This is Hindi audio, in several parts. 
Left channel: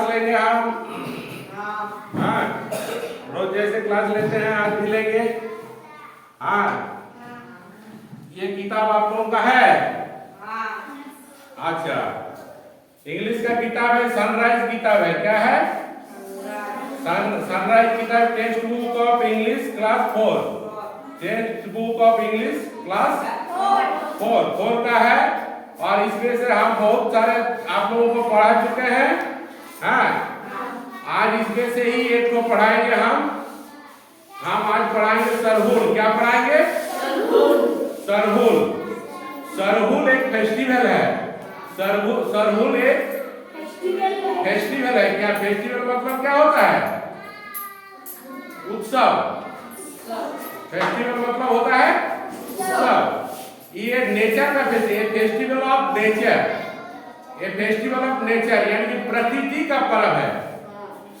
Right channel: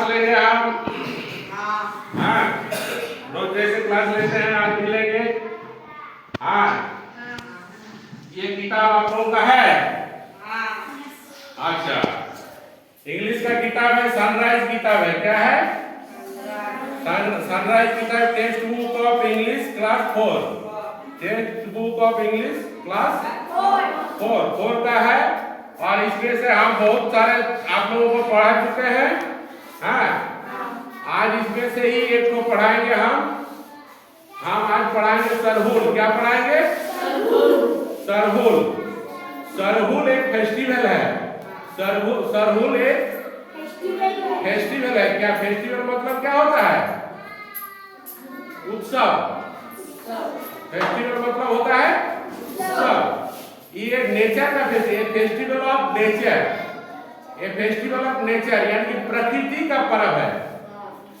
क्लास लेंगे हम। हाँ, रोज जैसे क्लास लेते हैं आज भी लेंगे। हाँ, ये किताब आप लोगों का है? अच्छा, इंग्लिश का किताब है, सनराइज किताब है। क्या है? सनराइज किताब, text book of English class 4। Text book of English class 4 का है। और इसमें से हम बहुत सारे आप लोगों को पढ़ा चुके हैं। हाँ, आज इसमें से ही एक को पढ़ाएंगे हम आज पढ़ाएंगे सरहुल। क्या पढ़ाएंगे? सरहुल। सरहुल एक फेस्टिवल है। सरहुल एक फेस्टिवल है। क्या फेस्टिवल मतलब क्या होता है? उत्सव। फेस्टिवल मतलब होता है उत्सव। ये नेचर का फेस्टिवल ऑफ नेचर। ये फेस्टिवल ऑफ नेचर यानी कि प्रकृति का पर्व है।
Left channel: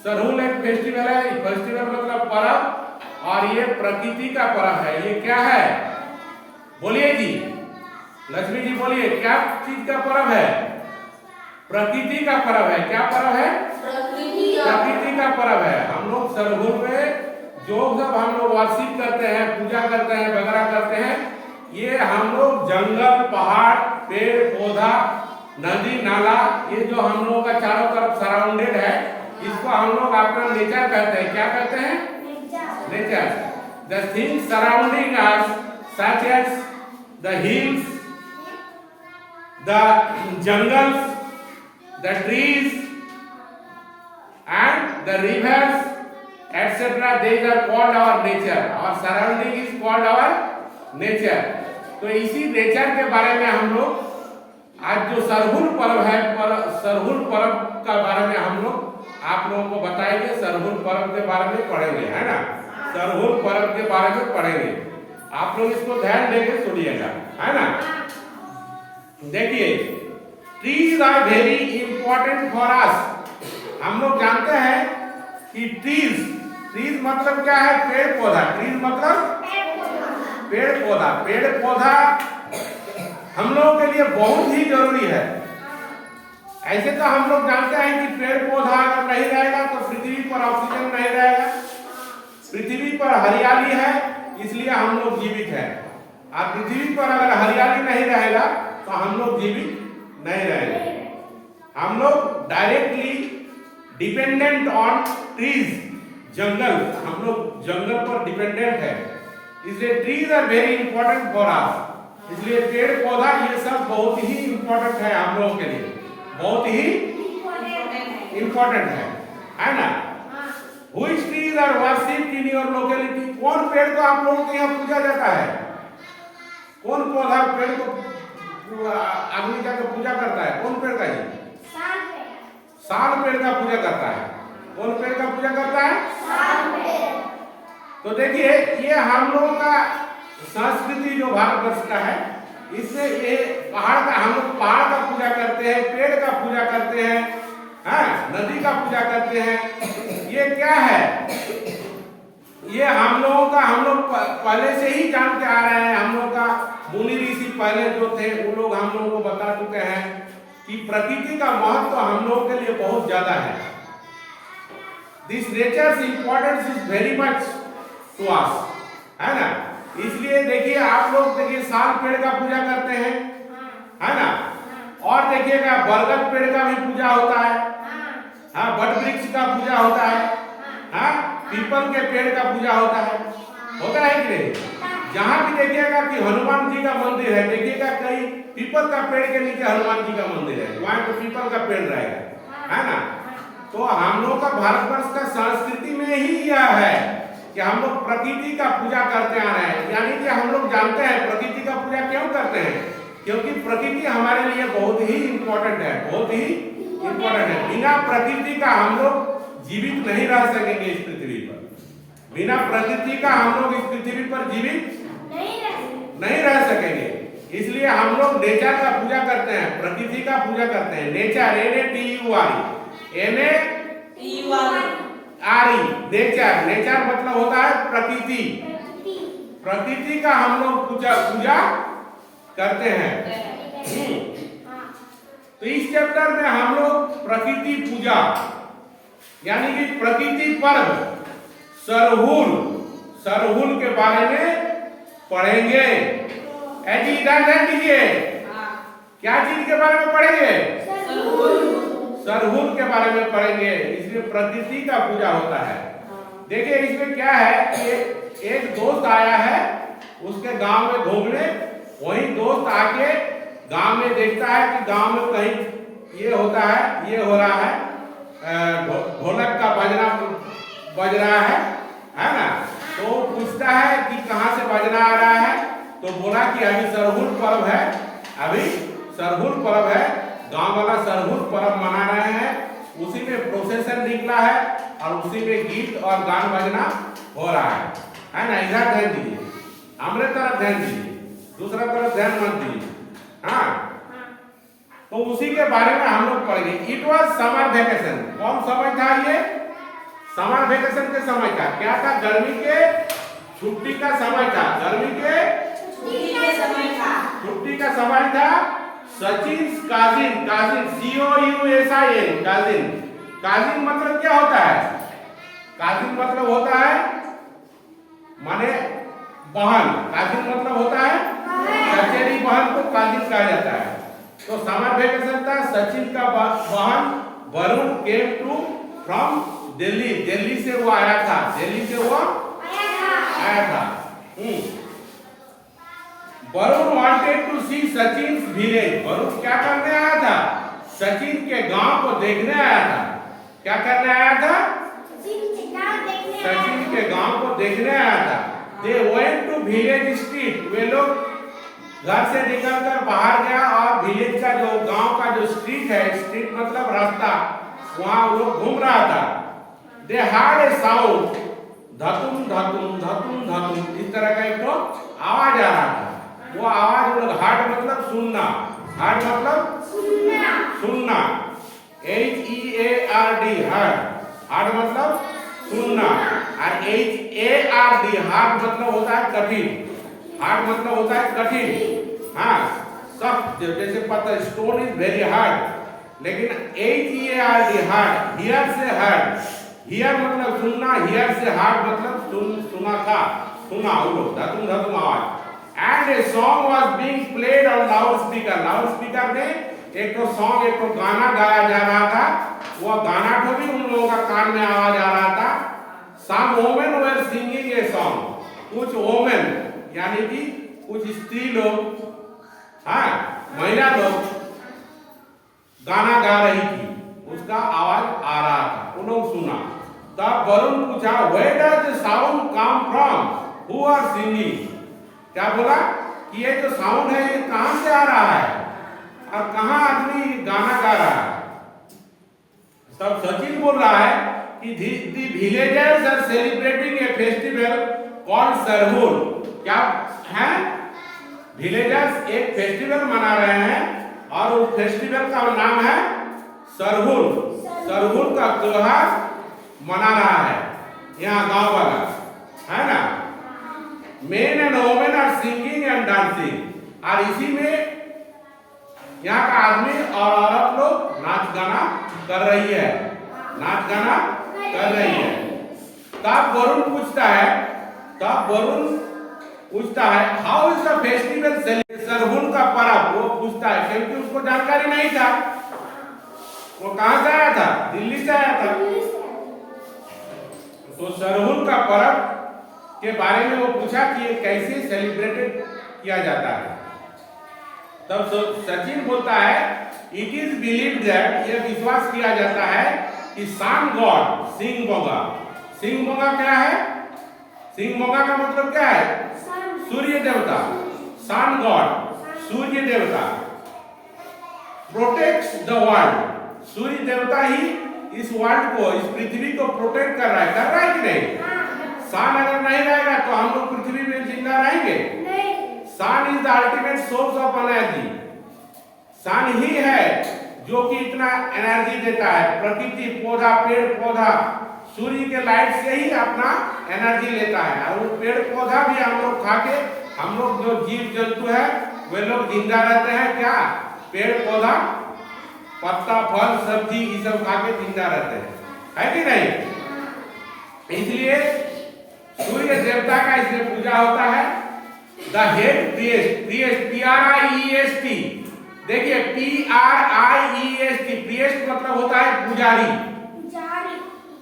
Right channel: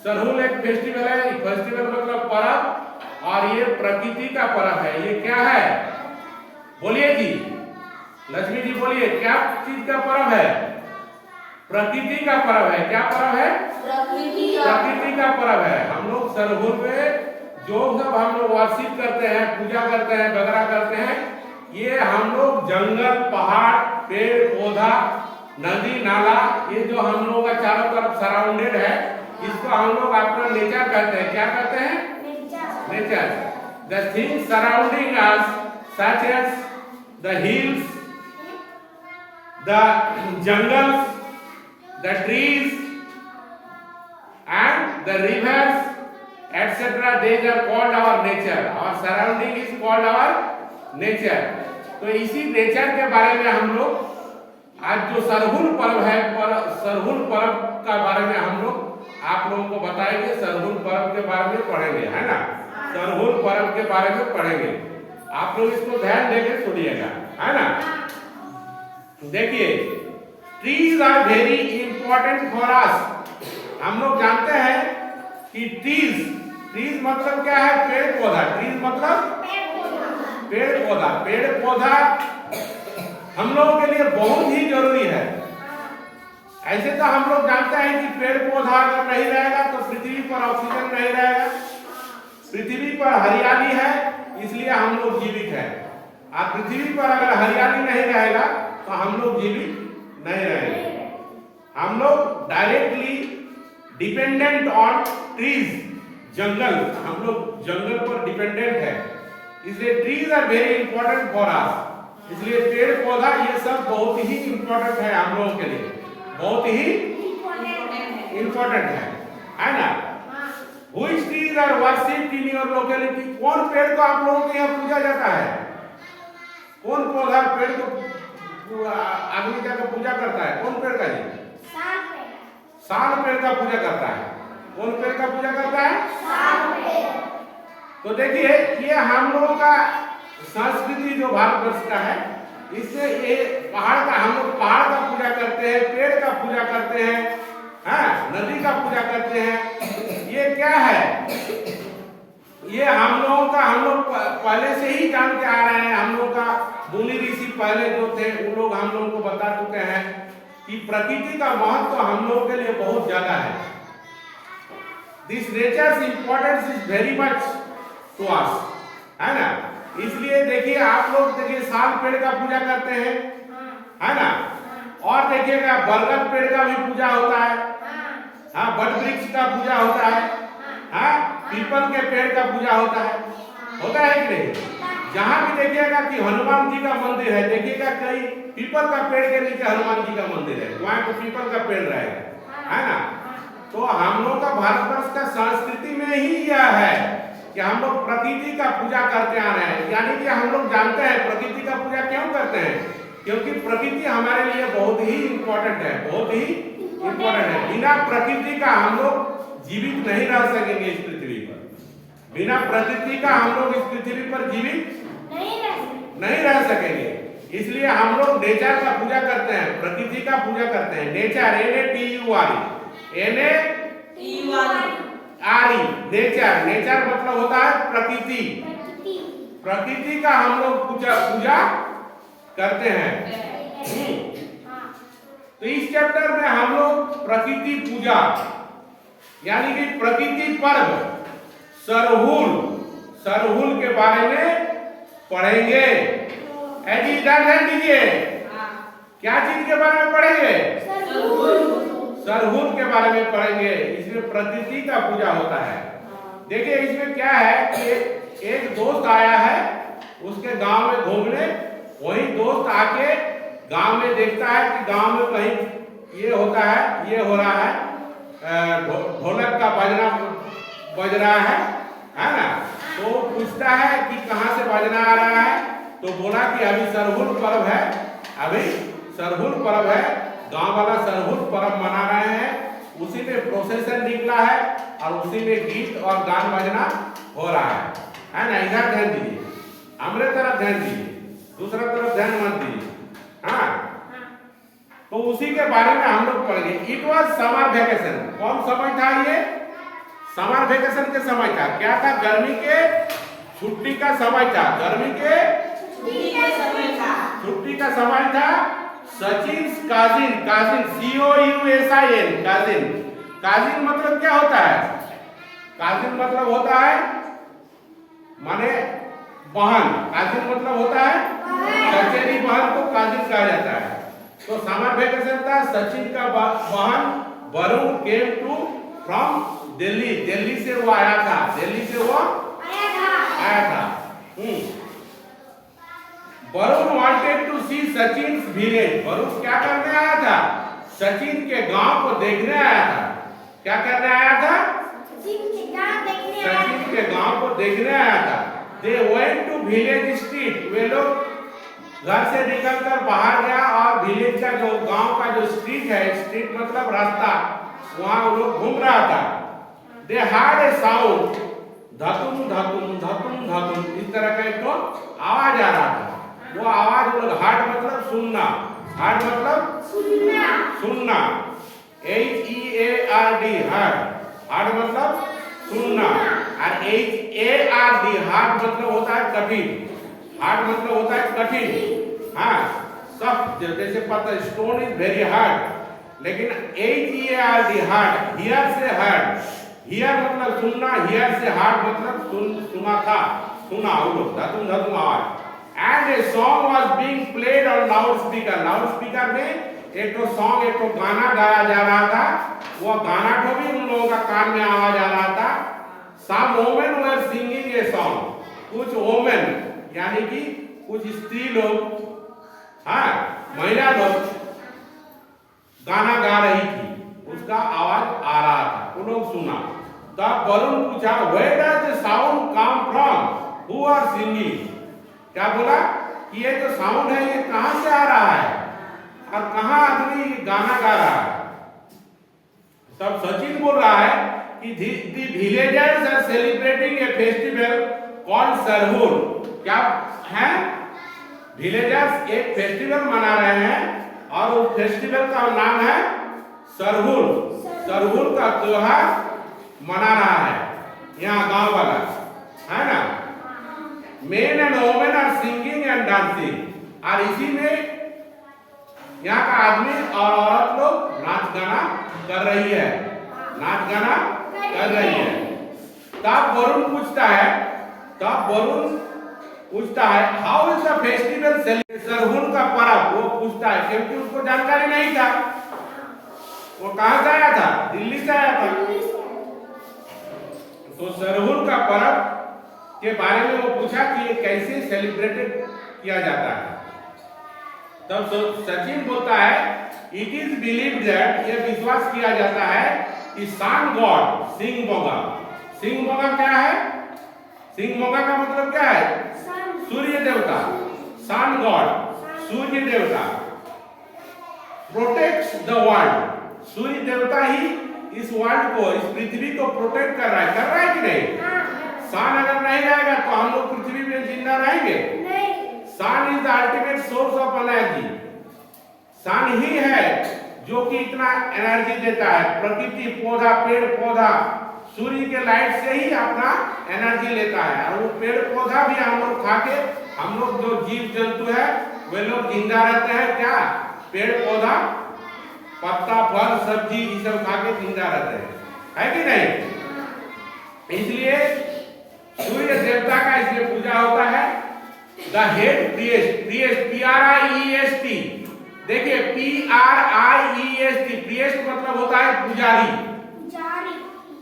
सरहुल एक फेस्टिवल है। फेस्टिवल मतलब पर्व, और ये प्रकृति का पर्व है। ये क्या है? बोलिए जी, लक्ष्मी जी बोलिए, क्या चीज का पर्व है? प्रकृति का पर्व है। क्या पर्व है? प्रकृति का पर्व है। हम लोग सरहुल में जो सब हम लोग वर्शिप करते हैं, पूजा करते हैं, वगैरह करते हैं, ये हम लोग जंगल, पहाड़, पेड़ पौधा, नदी नाला, ये जो हम लोगों का चारों तरफ सराउंडेड है, इसको हम लोग अपना नेचर कहते हैं। क्या कहते हैं? Nature. The things surrounding us such as the hills, the jungles, the trees and the rivers etc. these are called our nature. Our surrounding is called our nature. तो इसी नेचर के बारे में हम लोग आज जो सरहुल पर्व है, सरहुल पर्व का बारे में हम लोग आप लोगों को बताएंगे। सरहुल पर्व के बारे में पढ़ेंगे, है ना? सरहुल पर्व के बारे में पढ़ेंगे। आप लोग इसको ध्यान देके सुनिएगा, है ना? देखिए, trees are very important for us. हम लोग जानते हैं कि ट्रीज मतलब क्या है? पेड़ पौधा। ट्रीज मतलब पेड़ पौधा। पेड़ पौधा हम लोगों के लिए बहुत ही जरूरी है। ऐसे तो हम लोग जानते हैं कि पेड़ पौधा अगर नहीं रहेगा तो पृथ्वी पर ऑक्सीजन नहीं रहेगा। पृथ्वी पर हरियाली है, इसलिए हम लोग जीवित हैं। और पृथ्वी पर अगर हरियाली नहीं रहेगा तो हम लोग जीवित नहीं रहेंगे। हम लोग डायरेक्टली डिपेंडेंट ऑन ट्रीज, जंगल, हम लोग जंगल पर डिपेंडेंट है। इसलिए trees are very important for us. इसलिए पेड़ पौधा ये सब बहुत ही इंपॉर्टेंट है हम लोगों के लिए, बहुत ही इंपॉर्टेंट है ना? Which trees are worshipped in your locality? कौन पेड़ को आप लोगों के यहाँ पूजा जाता है? कौन पौधा पेड़ को आदमी जाकर पूजा करता है? कौन पेड़ का जी? साल पेड़ का पूजा करता है। कौन पेड़ का पूजा करता है? साल पेड़। तो देखिए, ये हम लोगों का संस्कृति जो भारतवर्ष का है, इससे ये पहाड़ का, हम लोग पहाड़ का पूजा करते हैं, पेड़ का पूजा करते हैं, हाँ, नदी का पूजा करते हैं। ये क्या है? ये हम लोगों का, हम लोग पहले से ही जान के आ रहे हैं। हम लोग का मुनि ऋषि पहले जो थे वो लोग हम लोगों को बता चुके हैं कि प्रकृति का महत्व हम लोगों के लिए बहुत ज्यादा है। This nature's importance is very much to us, है ना? इसलिए देखिए, आप लोग देखिए साल पेड़ का पूजा करते हैं, है ना? और देखिएगा बरगद पेड़ का भी पूजा होता है, हाँ, बट वृक्ष का पूजा होता है, हाँ, पीपल के पेड़ का पूजा होता है कि नहीं? जहां भी देखिएगा कि हनुमान जी का मंदिर है, देखिएगा कई पीपल का पेड़ के नीचे हनुमान जी का मंदिर है, वहां तो पीपल का पेड़ रहेगा, है ना? तो हम लोग का भारतवर्ष का संस्कृति में ही यह है कि हम लोग प्रकृति का पूजा करते आ रहे हैं। यानी कि हम लोग जानते हैं प्रकृति का पूजा क्यों करते हैं? क्योंकि प्रकृति हमारे लिए बहुत ही इंपॉर्टेंट है, बहुत ही इंपॉर्टेंट है। बिना प्रकृति का हम लोग जीवित नहीं रह सकेंगे इस पृथ्वी पर। बिना प्रकृति का हम लोग इस पृथ्वी पर जीवित नहीं रह सकेंगे। इसलिए हम लोग नेचर का पूजा करते हैं, प्रकृति का पूजा करते हैं। Nature, NATURE, nature. नेचर मतलब होता है प्रकृति। प्रकृति का हम लोग पूजा करते हैं। तो इस चैप्टर में हम लोग प्रकृति पूजा यानी कि प्रकृति पर्व सरहुल, सरहुल के बारे में पढ़ेंगे। ऐसी इधर ध्यान दीजिए, क्या चीज के बारे में पढ़ेंगे? सरहुल के बारे में पढ़ेंगे। इसमें प्रकृति का पूजा होता है। देखिए इसमें क्या है कि एक दोस्त आया है उसके गांव में घूमने, वही दोस्त आके गांव में देखता है कि गांव में कहीं ये होता है, ये हो रहा है, ढोलक का बजना बज रहा है ना। तो पूछता है कि कहाँ से बजना आ रहा है, तो बोला कि अभी सरहुल पर्व है, अभी सरहुल पर्व है, गांव वाला सरहुल पर्व मना रहे हैं, उसी में प्रोसेसन निकला है और उसी में गीत और गान बजना हो रहा है ना। इधर ध्यान दीजिए, हमारे तरफ ध्यान दीजिए, दूसरा तरफ ध्यान मत दीजिए। हाँ, तो उसी के बारे में हम लोग पढ़ेंगे। It was summer vacation. कौन समय था ये? समर वेकेशन के समय का क्या था? गर्मी के छुट्टी का समय था। गर्मी के छुट्टी का समय था। Sachin cousin, cousin COUSIN, cousin, cousin मतलब क्या होता है? काजिन मतलब होता है माने बहन, काजिन मतलब होता है चचेरी बहन को काजिन कहा जाता है। तो समर वेकेशन था। सचिन का बहन Varun came to from Delhi, Delhi से वो आया था, दिल्ली से वो आया था। Varun wanted to see Sachin village. Varun क्या करने आया था? सचिन के गांव को देखने आया था। क्या करने आया था? सचिन के गांव को देखने आया था। They went to village street. वे लोग घर से निकलकर बाहर गया और विलेज का जो गांव का जो स्ट्रीट है, स्ट्रीट मतलब रास्ता, वहां वो लोग घूम रहा था। दे हर्ड ए साउंड, धतुम धतुम धतुम धतुम, इस तरह का एक आवाज आ रहा था। वो आवाज वो लोग, हार्ड मतलब सुनना, हार्ड मतलब सुनना, HEARD, हार्ड, हार्ड मतलब सुनना, और HARD, हार्ड मतलब होता है कठिन, हार्ड मतलब होता है कठिन, हाँ सख्त, जैसे पता स्टोन इज वेरी हार्ड, लेकिन HEARD हार्ड, हियर से हार्ड, हियर मतलब सुनना, हियर से हार्ड मतलब सुना था, सुना वो लोग, धतुम धतुम आवाज। And a song was being played on loud speaker, loud speaker में एक तो सॉन्ग, एक तो गाना गाया जा रहा था। वो गाना को भी उन लोगों का कान में आवाज आ रहा था। Some women were singing a song, कुछ वोमेन यानी कि कुछ स्त्री लोग, हाँ महिला लोग गाना गा रही थी, उसका आवाज आ रहा था, वो लोग सुना। तब वरुण पूछा, where does the sound come from, who are singing? क्या बोला कि ये जो साउंड है ये कहां से आ रहा है और कहां आदमी गाना गा रहा है? तब सचिन बोल रहा है कि the villagers are celebrating a festival called Sarhul. क्या है? विलेजर्स एक फेस्टिवल मना रहे हैं और उस फेस्टिवल का नाम है सरहुल। सरहुल का त्योहार मना रहा है यहाँ गांव वाला, है ना। Men and women are singing and dancing, और इसी में यहाँ का आदमी और औरत लोग नाच गाना कर रही है, नाच गाना कर रही है। तब वरुण पूछता है, how is the festival celebrated? Sarhul का पर्व वो पूछता है, क्योंकि उसको जानकारी नहीं था। वो कहां से आया था? दिल्ली से आया था। तो सरहुल का पर्व के बारे में वो पूछा कि ये कैसे सेलिब्रेटेड किया जाता है। तब सचिन बोलता है, इट इज बिलीव्ड दैट, ये विश्वास किया जाता है कि सन गॉड सिंह बोगा, सिंह बोगा क्या है? सिंह बोगा का मतलब क्या है? सूर्य देवता, सन गॉड सूर्य देवता, प्रोटेक्ट्स द वर्ल्ड, सूर्य देवता ही इस वर्ल्ड को, इस पृथ्वी को प्रोटेक्ट कर रहा है कि नहीं? सन अगर नहीं रहेगा तो हम लोग पृथ्वी में जिंदा रहेंगे? Sun is the ultimate source of energy. Sun ही है जो कि इतना एनर्जी देता है। प्रकृति, पौधा, पेड़ पौधा सूर्य के लाइट से ही अपना एनर्जी लेता है, और वो पेड़ पौधा भी हम लोग खा के, हम लोग जो जीव जंतु है वे लोग जिंदा रहते हैं। क्या? पेड़ पौधा, पत्ता, फल, सब्जी ये सब खा के जिंदा रहते हैं। है कि नहीं? इसलिए सूर्य देवता का इसमें पूजा होता है। द हेड प्रिएस्ट, प्रिएस्ट PRIEST, देखिए PRIEST, प्रिएस्ट मतलब होता है पुजारी।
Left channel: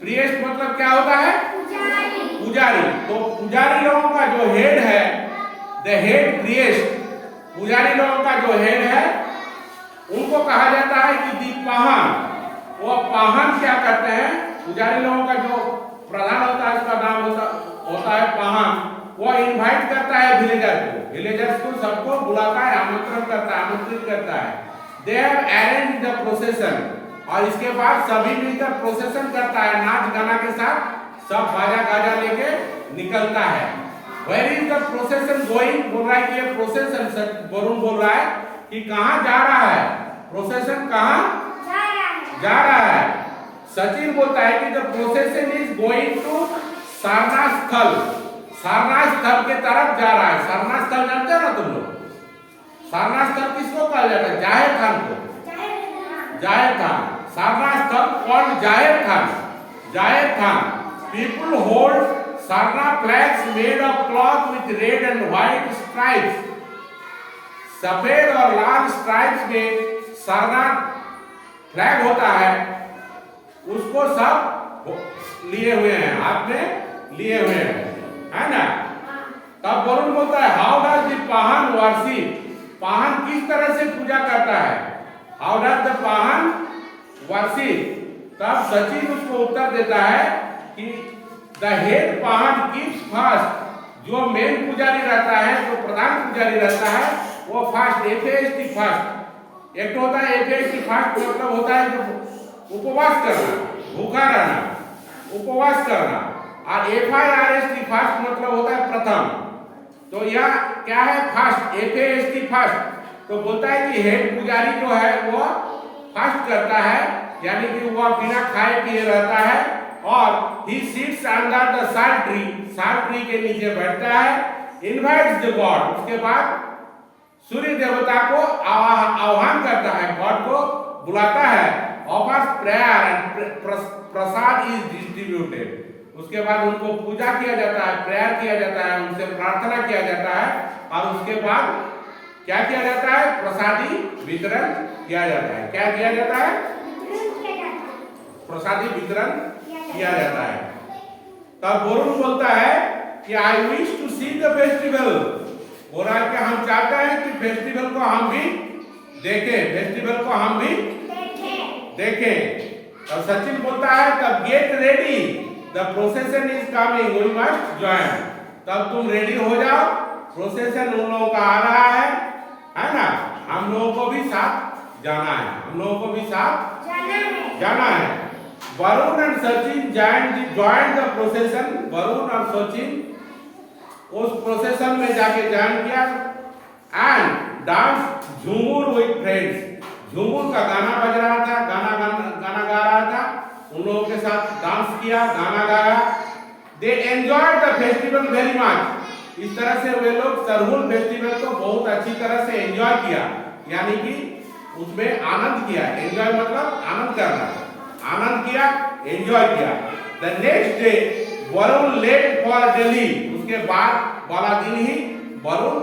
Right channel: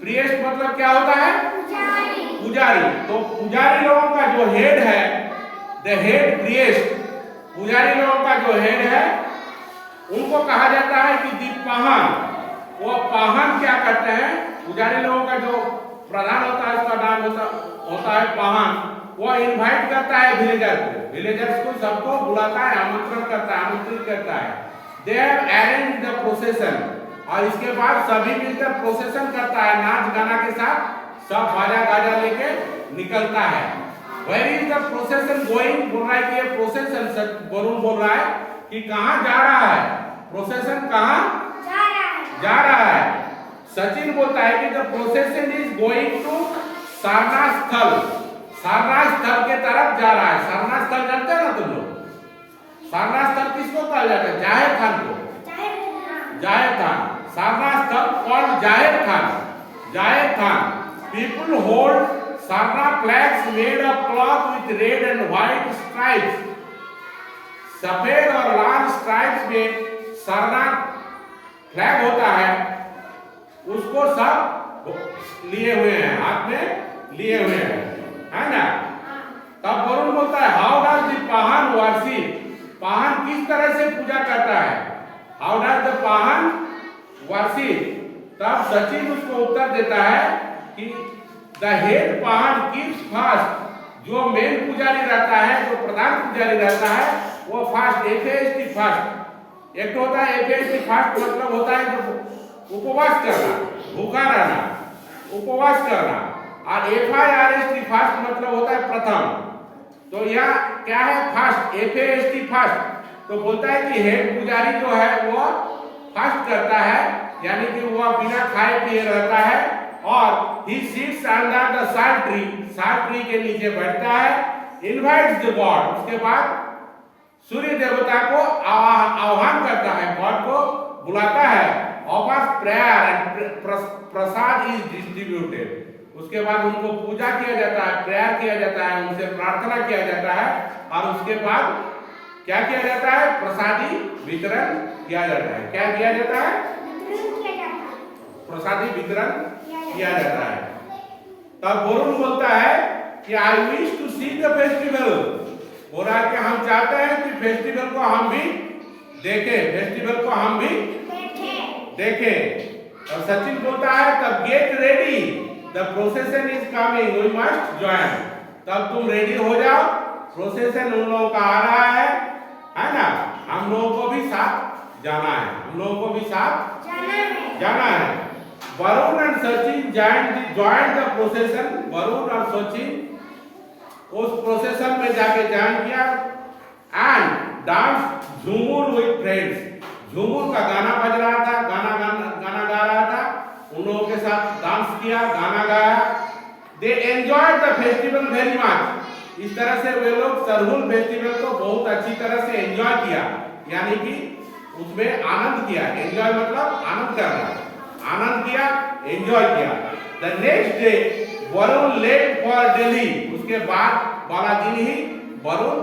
प्रिएस्ट मतलब क्या होता है? पुजारी। तो पुजारी लोगों का जो हेड है, द हेड प्रिएस्ट, पुजारी लोगों का जो हेड है उनको कहा जाता है कि दीपाहन। वो पाहन क्या करते हैं? पुजारी लोगों का जो प्रधान होता है उसका नाम होता है पाहन। वो इनवाइट करता है विलेजर्स को सबको बुलाता है, आमंत्रित करता है। They have arranged the procession, और इसके बाद सभी मिलकर प्रोसेशन करता है, नाच गाना के साथ सब बाजा गाजा लेके निकलता है। Where is the procession going? बोल रहा है कि ये प्रोसेशन, वरुण बोल रहा है कि कहाँ जा रहा है प्रोसेशन, कहाँ जा रहा है। सचिन बोलता है कि the procession is going to Sarnath स्थल, सारनाथ स्थल के तरफ जा रहा है। सारनाथ स्थल जानते हो ना तुम लोग? सारनाथ स्थल किसको कहा जाता है? जाहिर थान को, जाहिर थान। सारनाथ स्थल called Jaher Than, Jaher Than. People hold Sarnath flags made of cloth with red and white stripes, सफेद और लाल स्ट्राइप्स में सारनाथ फ्लैग होता है, उसको सब लिए हुए हैं, हाथ में लिए हुए हैं, है ना? तब वरुण बोलता है how does the Pahan worship, Pahan किस तरह से पूजा करता है? How does the Pahan worship? तब सचिन उसको उत्तर देता है कि the head Pahan keeps fast, जो मेन पुजारी रहता है, जो प्रधान पुजारी रहता है, वो फास्ट, FAST फास्ट। एक तो होता है FAST फास्ट, मतलब होता है जो उपवास करना, भूखा रहना, उपवास करना। और FIRST फास्ट मतलब होता है प्रथम। तो यह क्या है? Fast, FAST fast. तो बोलता है कि हेड पुजारी जो है वो फास्ट करता है, यानी कि वह बिना खाए पिए रहता है, और ही सिट्स अंडर द साल ट्री के नीचे बैठता है। इनवाइट्स द गॉड, उसके बाद सूर्य देवता को आह्वान करता है, गॉड को बुलाता है। Offers prayer and Prasad is distributed, उसके बाद उनको पूजा किया जाता है, प्रेयर किया जाता है, उनसे प्रार्थना किया जाता है, और उसके बाद क्या किया जाता है? प्रसादी वितरण किया जाता है। क्या किया जाता है? प्रसादी वितरण किया जाता है। तब वरुण बोलता है कि I wish to see the festival, बोल रहा है कि हम चाहते हैं कि फेस्टिवल को हम भी देखें, फेस्टिवल को हम भी देखें। तब सचिन बोलता है तब get ready, the procession is coming, we must join. तब तुम रेडी हो जाओ, प्रोसेशन उन लोगों का आ रहा है ना? हम लोगों को भी साथ जाना है, हम लोगों को भी साथ जाना है। Varun and Sachin join the procession, Varun और सचिन उस प्रोसेशन में जाके ज्वाइन किया। And dance jhumar with friends, झूमर का गाना बज रहा था, गाना गा रहा था, उन लोगों के साथ डांस किया, गाना गाया। They enjoyed the festival very much, इस तरह से वे लोग सरहुल फेस्टिवल को बहुत अच्छी तरह से एंजॉय किया, यानी कि उसमें आनंद किया। एंजॉय मतलब आनंद करना, आनंद किया, एंजॉय किया। The next day Varun left for Delhi, उसके बाद वाला दिन ही वरुण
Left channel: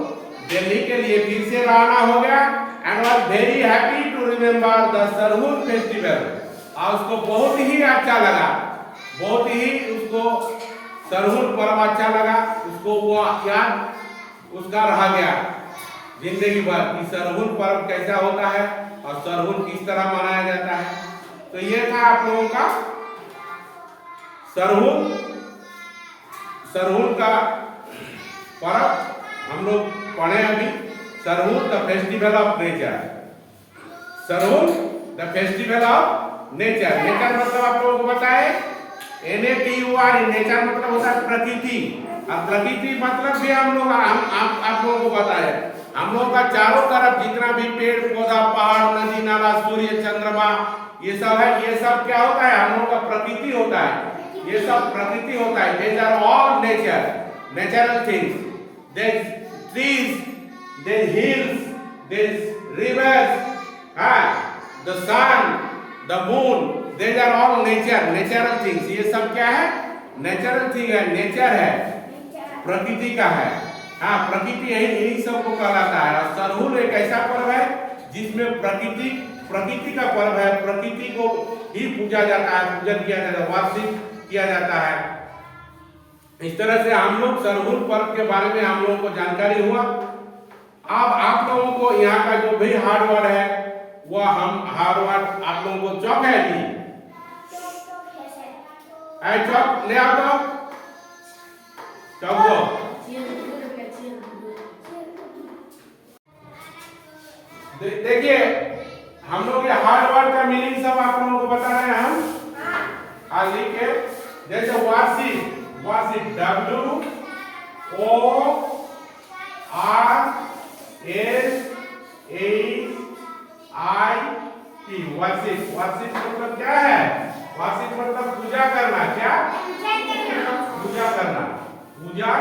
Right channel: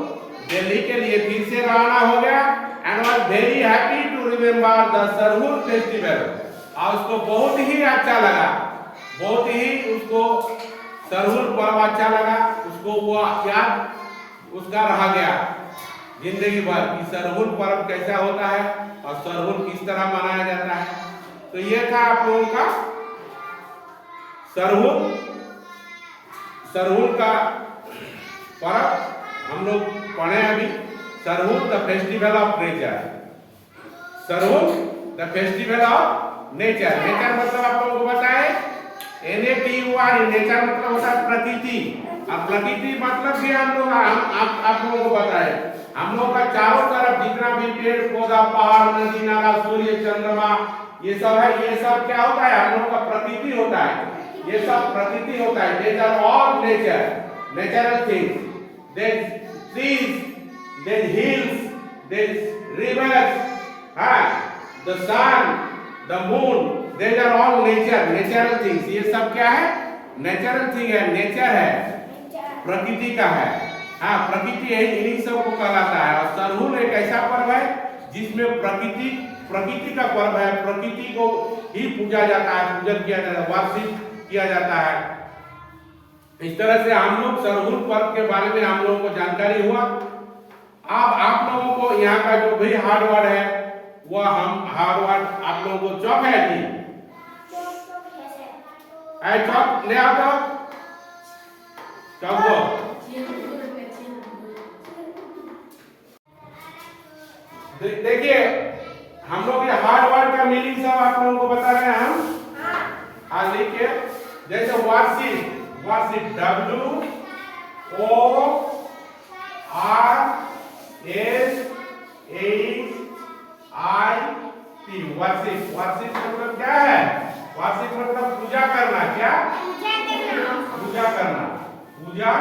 दिल्ली के लिए फिर से रवाना हो गया। And was very happy to remember the Sarhul festival, और उसको बहुत ही अच्छा लगा, बहुत ही उसको सरहुल पर्व अच्छा लगा, उसको वो याद उसका रह गया जिंदगी भर कि सरहुल पर्व कैसा होता है और सरहुल किस तरह मनाया जाता है। तो ये था आप लोगों का सरहुल का पर्व, हम लोग पढ़े अभी। Sarhul the festival of nature, Sarhul the festival of nature. Nature मतलब आप लोगों को बताए NATUR, नेचर मतलब होता है प्रकृति। अब प्रकृति मतलब भी हम लोग आप लोगों को बताए, हम लोगों का चारों तरफ जितना भी पेड़ पौधा, पहाड़, नदी नाला, सूर्य, चंद्रमा, ये सब है, ये सब क्या होता है? हम लोगों का प्रकृति होता है, ये सब प्रकृति होता है। These are all nature, natural things. There's trees, there's hills, there's rivers, the sun, the moon, these are all nature, natural things. ये सब क्या है? नेचुरल थिंग है, नेचर है, प्रकृति का है। हाँ, प्रकृति यही सब को कहलाता है। और सरहुल एक ऐसा पर्व है जिसमें प्रकृति का पर्व है, प्रकृति को ही पूजा जाता है, पूजन किया जाता है, वार्षिक किया जाता है। इस तरह से हम लोग सरहुल पर्व के बारे में हम लोगों को जानकारी हुआ। अब आप लोगों को यहाँ का जो भी हार्ड वर्ड है वह हम हार्ड वर्ड आप लोगों को चौक है जी, चौक ले आओ, चौक दो। देखिए हम लोग ये हार्ड वर्ड का मीनिंग सब आप लोगों को बता रहे हैं हम। आज लिखिए जैसे वार्षिक, वार्षिक WORSHIP, वार्षिक। वार्षिक मतलब क्या है? वार्षिक मतलब पूजा करना। क्या? पूजा करना, पूजा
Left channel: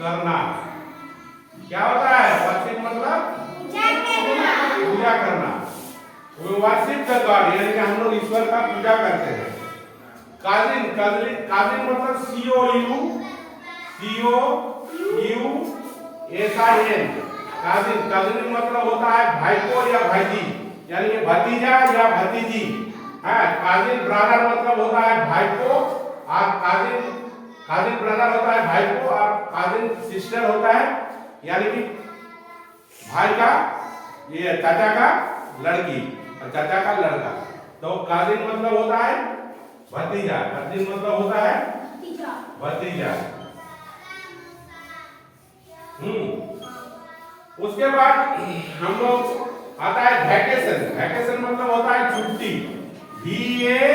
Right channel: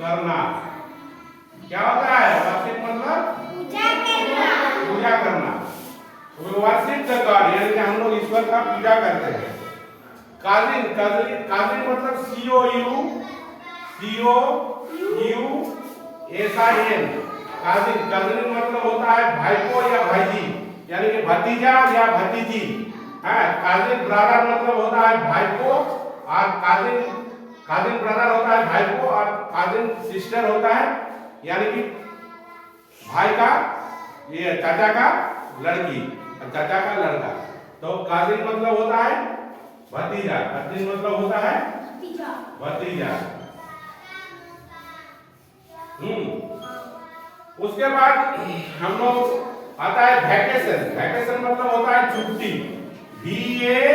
करना। क्या होता है वार्षिक मतलब? पूजा करना। वार्षिक द गॉड, यानी कि हम लोग ईश्वर का पूजा करते हैं। काजिन, काजिन मतलब COUSIN। काजिन, काजिन मतलब होता है भाईपो या भाईजी, यानी कि भतीजा या भतीजी है। काजिन ब्रदर मतलब होता है भाईपो, और काजिन ब्रदर होता है भाईपो, और काजिन सिस्टर होता है यानी कि भाई का, ये चाचा का लड़की और चाचा का लड़का। तो काजिन मतलब होता है भतीजा, काजिन मतलब होता है भतीजा। उसके बाद हम लोग आता है वैकेशन। वैकेशन मतलब होता है छुट्टी। VACATION,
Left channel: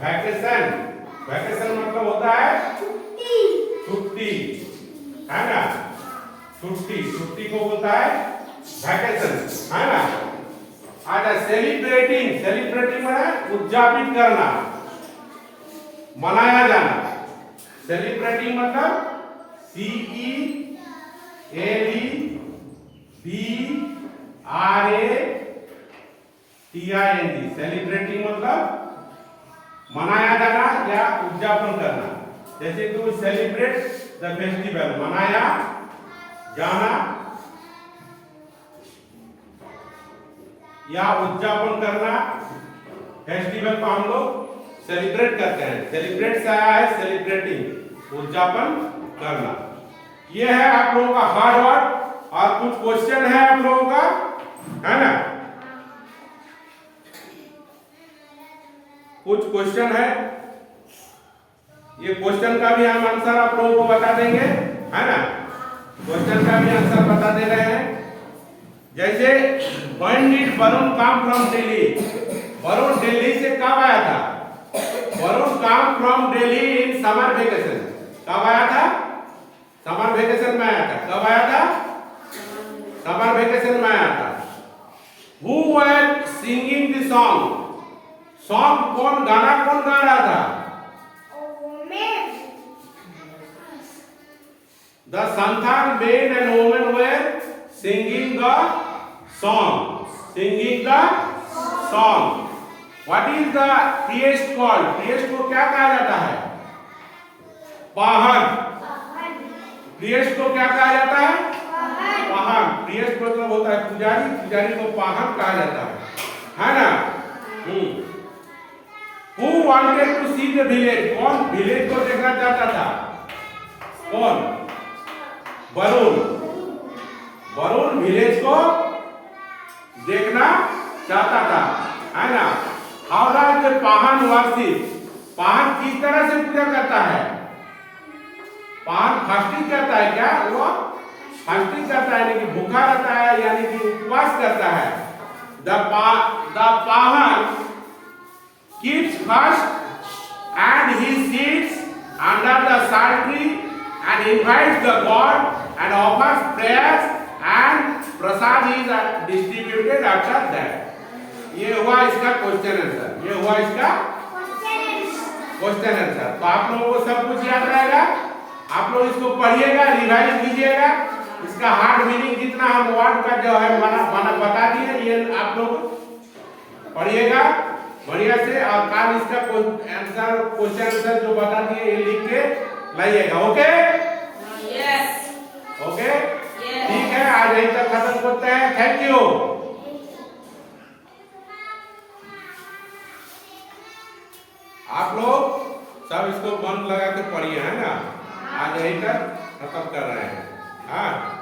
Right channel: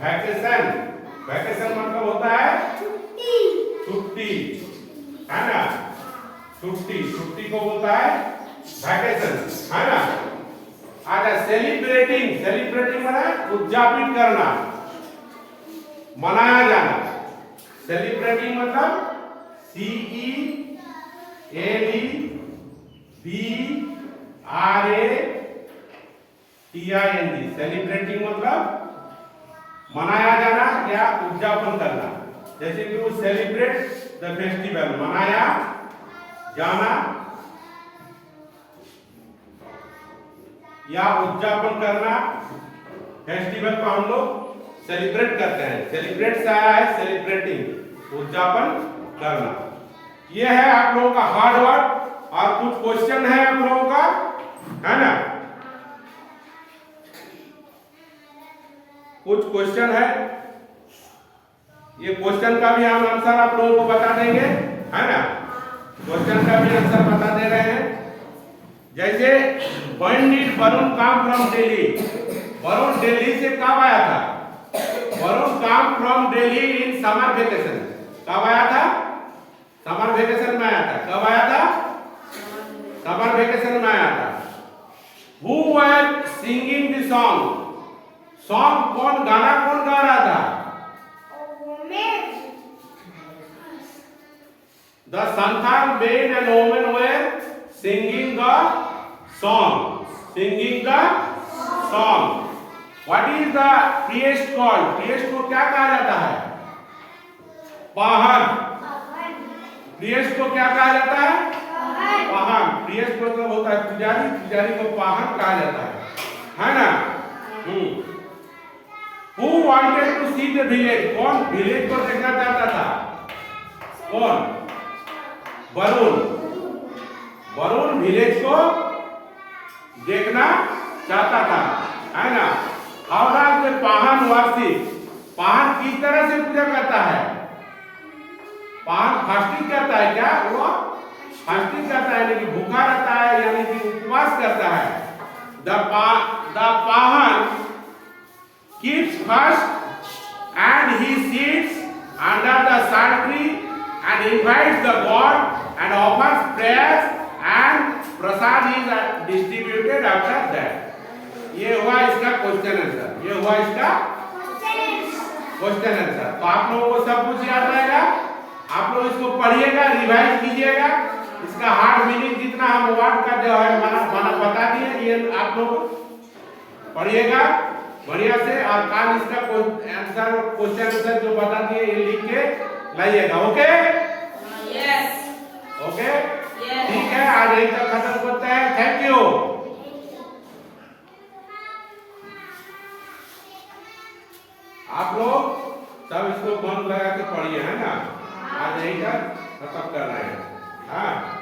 vacation. वैकेशन मतलब होता है छुट्टी, है ना? छुट्टी, छुट्टी को बोलता है वैकेशन, है ना? आजा सेलिब्रेटिंग, सेलिब्रेटिंग मतलब उद्यापित करना, मनाया जाना। सेलिब्रेटिंग मतलब CELEBRATING, सेलिब्रेटिंग मतलब मनाया जाना या उद्यापन करना। जैसे कि वो सेलिब्रेट द फेस्टिवल, मनाया जाना या उद्यापन करना। फेस्टिवल को हम लोग सेलिब्रेट करते हैं। सेलिब्रेट से आया है सेलिब्रेटिंग, उद्यापन करना। यह है आप लोगों का हार्ड वर्ड। और कुछ क्वेश्चन है आप लोगों का, है ना? कुछ क्वेश्चन है, ये क्वेश्चन का भी हम आंसर आप लोगों को बता देंगे, है ना? क्वेश्चन का भी आंसर बता दे रहे हैं। जैसे when did Varun come from Delhi? Varun Delhi से कब आया था? Varun come from Delhi in summer vacation। कब आया था? समर वेकेशन में आया था। कब आया था? समर वेकेशन में आया था। Who were singing the song? Song कौन, गाना कौन गा रहा था? The Santhal men and women were singing the song. Singing the song. What is the priest called? priest को क्या कहा जाता है? पाहन। priest को क्या कहा जाता है? पाहन। priest मतलब होता है पुजारी, पुजारी को पाहन कहा जाता है ना? Who wanted to see the village? कौन विलेज को देखना चाहता था? कौन? वरुण। वरुण विलेज को देखना चाहता था, है ना? हावड़ा के पाहन वार्षिक। पाहन किस तरह से पूजा करता है? पाहन फास्टिंग करता है। क्या वो फास्टिंग करता है, यानी कि भूखा रहता है, यानी कि उपवास करता है। The Pahan keeps fast and he sits under the sal tree and invites the god and offers prayers and prasad is distributed after that। ये हुआ इसका क्वेश्चन आंसर। ये हुआ इसका क्वेश्चन आंसर। तो आप लोगों को सब कुछ याद रहेगा। आप लोग इसको पढ़िएगा, रिवाइज कीजिएगा इसका हार्ड मीनिंग जितना हम वर्ड का जो है माना बता दिए, ये आप लोग पढ़िएगा बढ़िया से, और कल इसका आंसर क्वेश्चन आंसर जो बता दिए ये लिख के लाइएगा। ओके ओके ठीक है, आज यही तक खत्म करते हैं। Thank you. आप लोग सब इसको मन लगा के पढ़िए, है ना। आज यही तक खत्म कर रहे हैं। हाँ।